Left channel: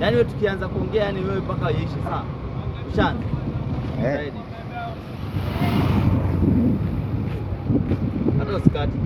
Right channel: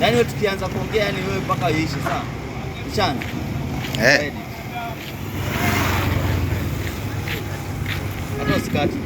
Yaani wewe tukianza kuongea yani wewe mpaka iishe sawa. Mchana. Hata usikati.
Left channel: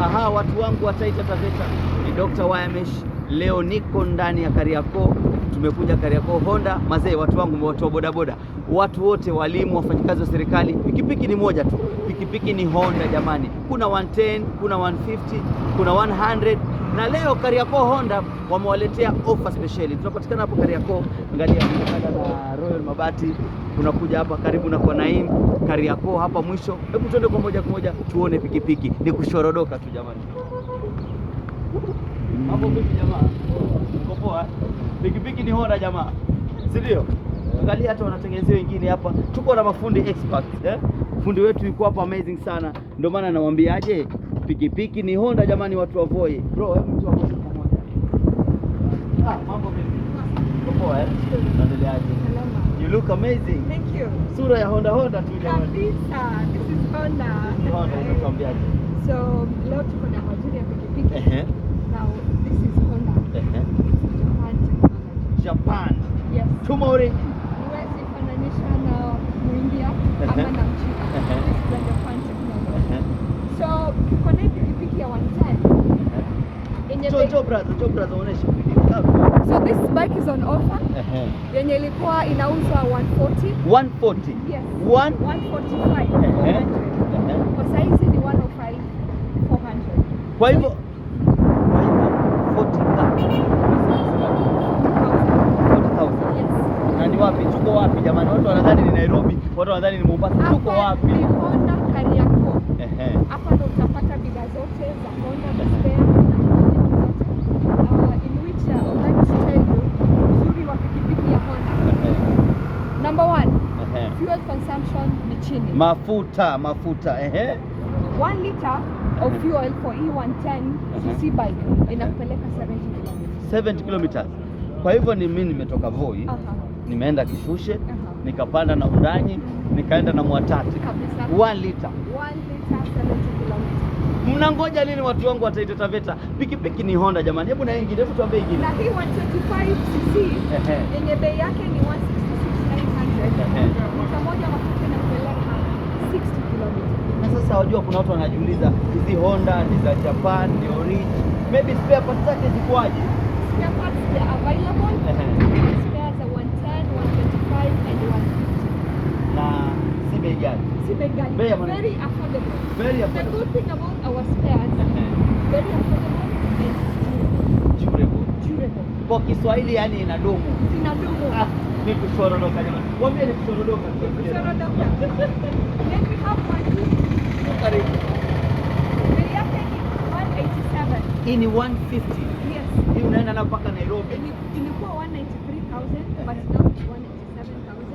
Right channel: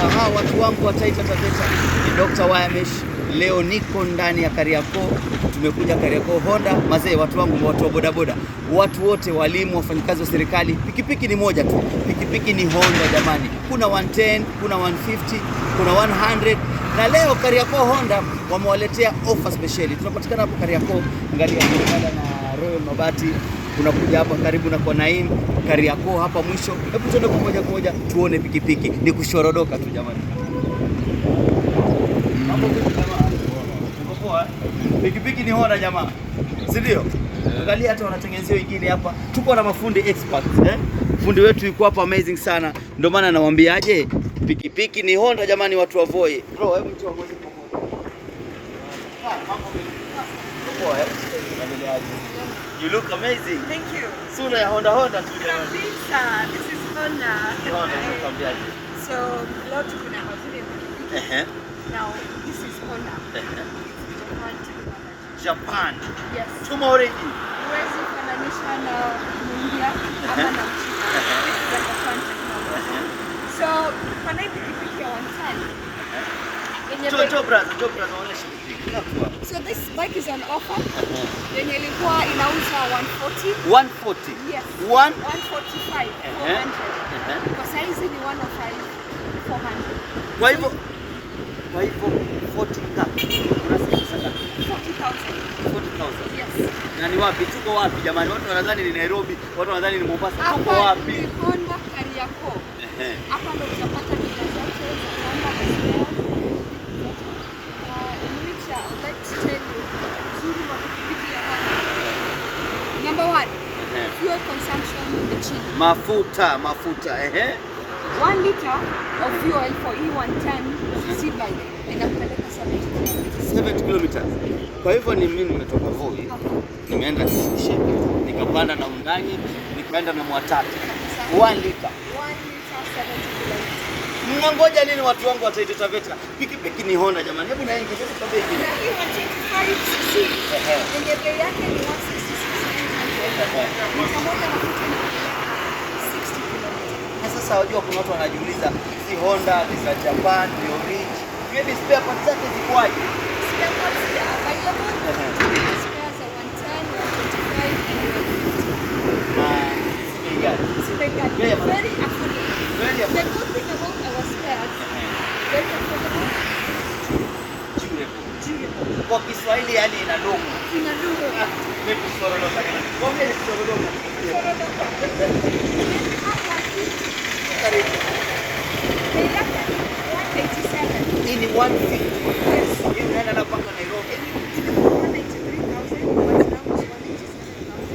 Aha, watu wangu wa Taita Taveta, ni Dr. Wayamesh. Leo niko ndani ya Kariakoo. Tumekuja Kariakoo Honda. Mazee, watu wangu, watu wa bodaboda, watu wote, walimu, wafanyikazi wa serikali, pikipiki ni moja tu. Pikipiki ni Honda jamani. Kuna 110, kuna 150, kuna 100. Na leo Kariakoo Honda wamewaletea offer speciali. Tunapatikana hapo Kariakoo, angalia na Royal Mabati. Unakuja hapa karibu na kwa Naim, Kariakoo hapa mwisho. Hebu tuende kwa moja tuone pikipiki. Ni kushorodoka tu jamani. Mambo vipi jamaa? Uko poa? Pikipiki ni Honda jamaa. Si ndio? Angalia hata wanatengenezea wengine hapa. Tuko na mafundi experts Fundi wetu yuko hapa amazing sana. Ndio maana nawaambiaje, pikipiki ni Honda jamani, watu wa Voi. Bro, hebu mtu pamoja. Mambo vipi? Uko poa? You look amazing. Thank you. Sura ya Honda tu jamani. Kabisa. This is Honda. Tunakwambiaje? So, leo tuko na mazuri ya pikipiki. Now, this is Honda. Japan technology. Japan. Yes. Tomorrow. Huwezi kufananisha na India ama na China. Japan technology. So, kuna hii pikipiki ya 110. So this bike is on offer. Yenye ilikuwa inauza 140. 140. Yes. 145. 400. Kwa saizi ni 105. 400. Kwa hivyo 40,000. Yes. Na ni wapi? Tuko wapi jamani? Watu wanadhani ni Nairobi, watu wanadhani ni Mombasa. Tuko wapi? Honda Kariakoo. Hapa ndo utapata bidhaa zote za Honda spare. Number one, fuel consumption ni chini. Mafuta. 1 liter of fuel for E110 cc bike inakupeleka 70 kilometers. Kwa hivyo ni mimi nimetoka Voi, nimeenda Kishushe, nikapanda na Undanyi, nikaenda na Mwatate. 1 liter 70 kilometers. Mnangoja nini watu wangu wa Taita Taveta? Pikipiki ni Honda jamani. Hebu na ingine, hebu tuambie ingine. Na hii 125 cc yenye bei yake ni 166,900. Pamoja na futa na 60 kilometers. Na sasa wajua kuna watu wanajiuliza hizi Honda ni za Japan, ni origin. Maybe spare parts zake zikoaje? Spare parts are available. Spares are 110, 125 and 150. Na si bei gani? Very affordable. Very affordable. The good thing about our spares, very affordable, durable. Kwa Kiswahili yani inadumu. Inadumu. Mimi kusorodoka jamani. Mwambie ni kusorodoka. Karibu. Hii ni 150. Yes. Hii unaenda na mpaka Nairobi. Ilikuwa 193,000 but now it's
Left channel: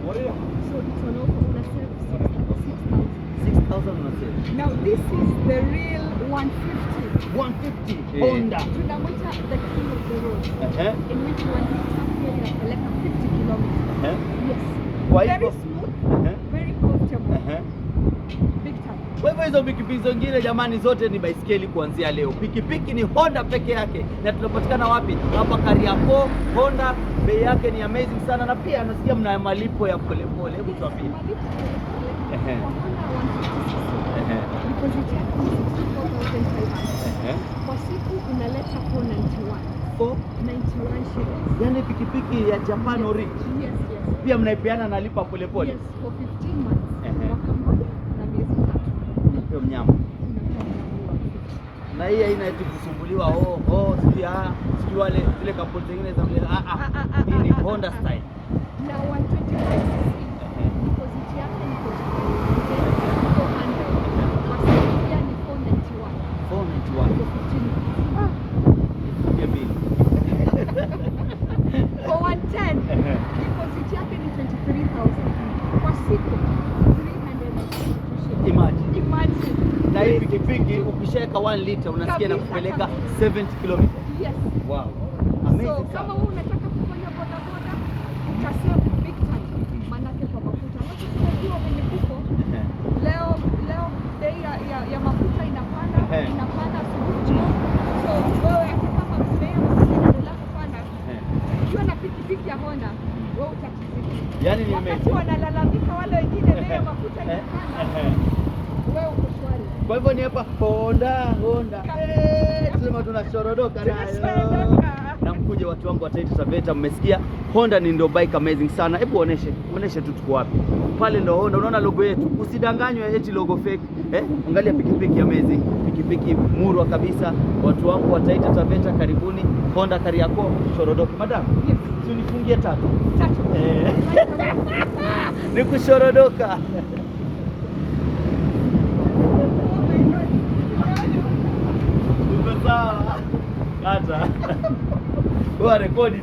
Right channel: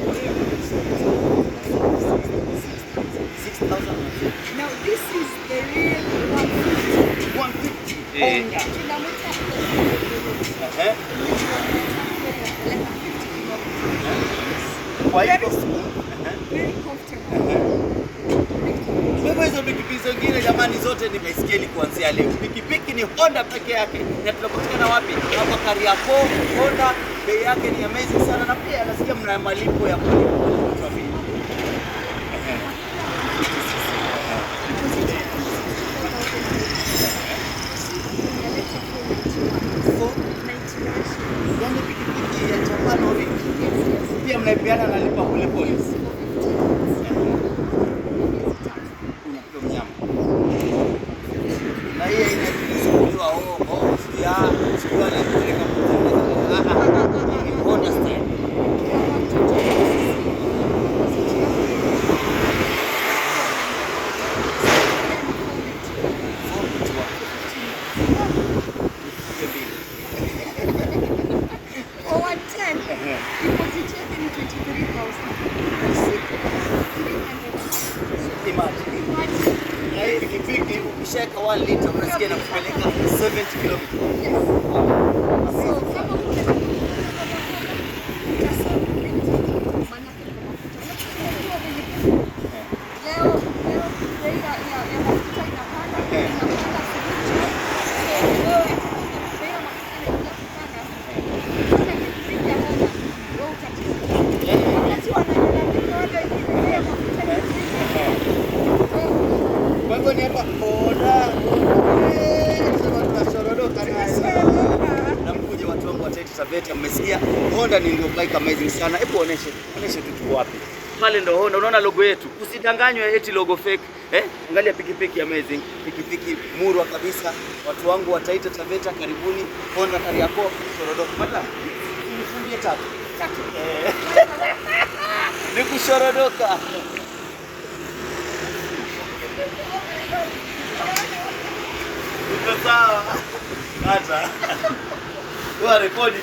187,000. 6,000. Now this is the real 150. 150 Honda. Tunamwita the king of the road. In which one like 50 kilometers. Yes. Very smooth. Very comfortable. Kwa hivyo hizo pikipiki zingine jamani zote ni baisikeli kuanzia leo. Pikipiki ni Honda peke yake. Na tunapatikana wapi? Hapa Kariakoo. Honda bei yake ni amazing sana, na pia nasikia mna malipo ya polepole. Yani pikipiki ya Japan origin. Pia mnaipeana na lipa polepole. Mnyama. Na hii inachukuliwa sio wale kule kampuni. Ni Honda style. Na hii pikipiki ukishaweka 1 liter unasikia na kupeleka 70 km. Yes. Wow. So kama unataka kufanya bodaboda utasema manake kwa mafuta. Unajua venye leo bei ya mafuta inapanda sana. So wewe hata kama bei ya mafuta inapanda Yaani Wakati wanalalamika wale wengine bei ya mafuta ni kwa hivyo ni hapa Honda. Sema tunashorodoka na mkuje watu wangu wa Taita Taveta, mmesikia Honda ni ndio bike amazing sana. Hebu oneshe tu tuko wapi. Pale ndio Honda, unaona logo yetu. Usidanganywe eti logo fake. Angalia pikipiki amazing, pikipiki murwa kabisa. Watu wangu wa Taita Taveta, karibuni Honda Kariakoo Shorodoka. Madam, tumfungie tatu. Ni kushorodoka. Sawa. Kata. Rekodi.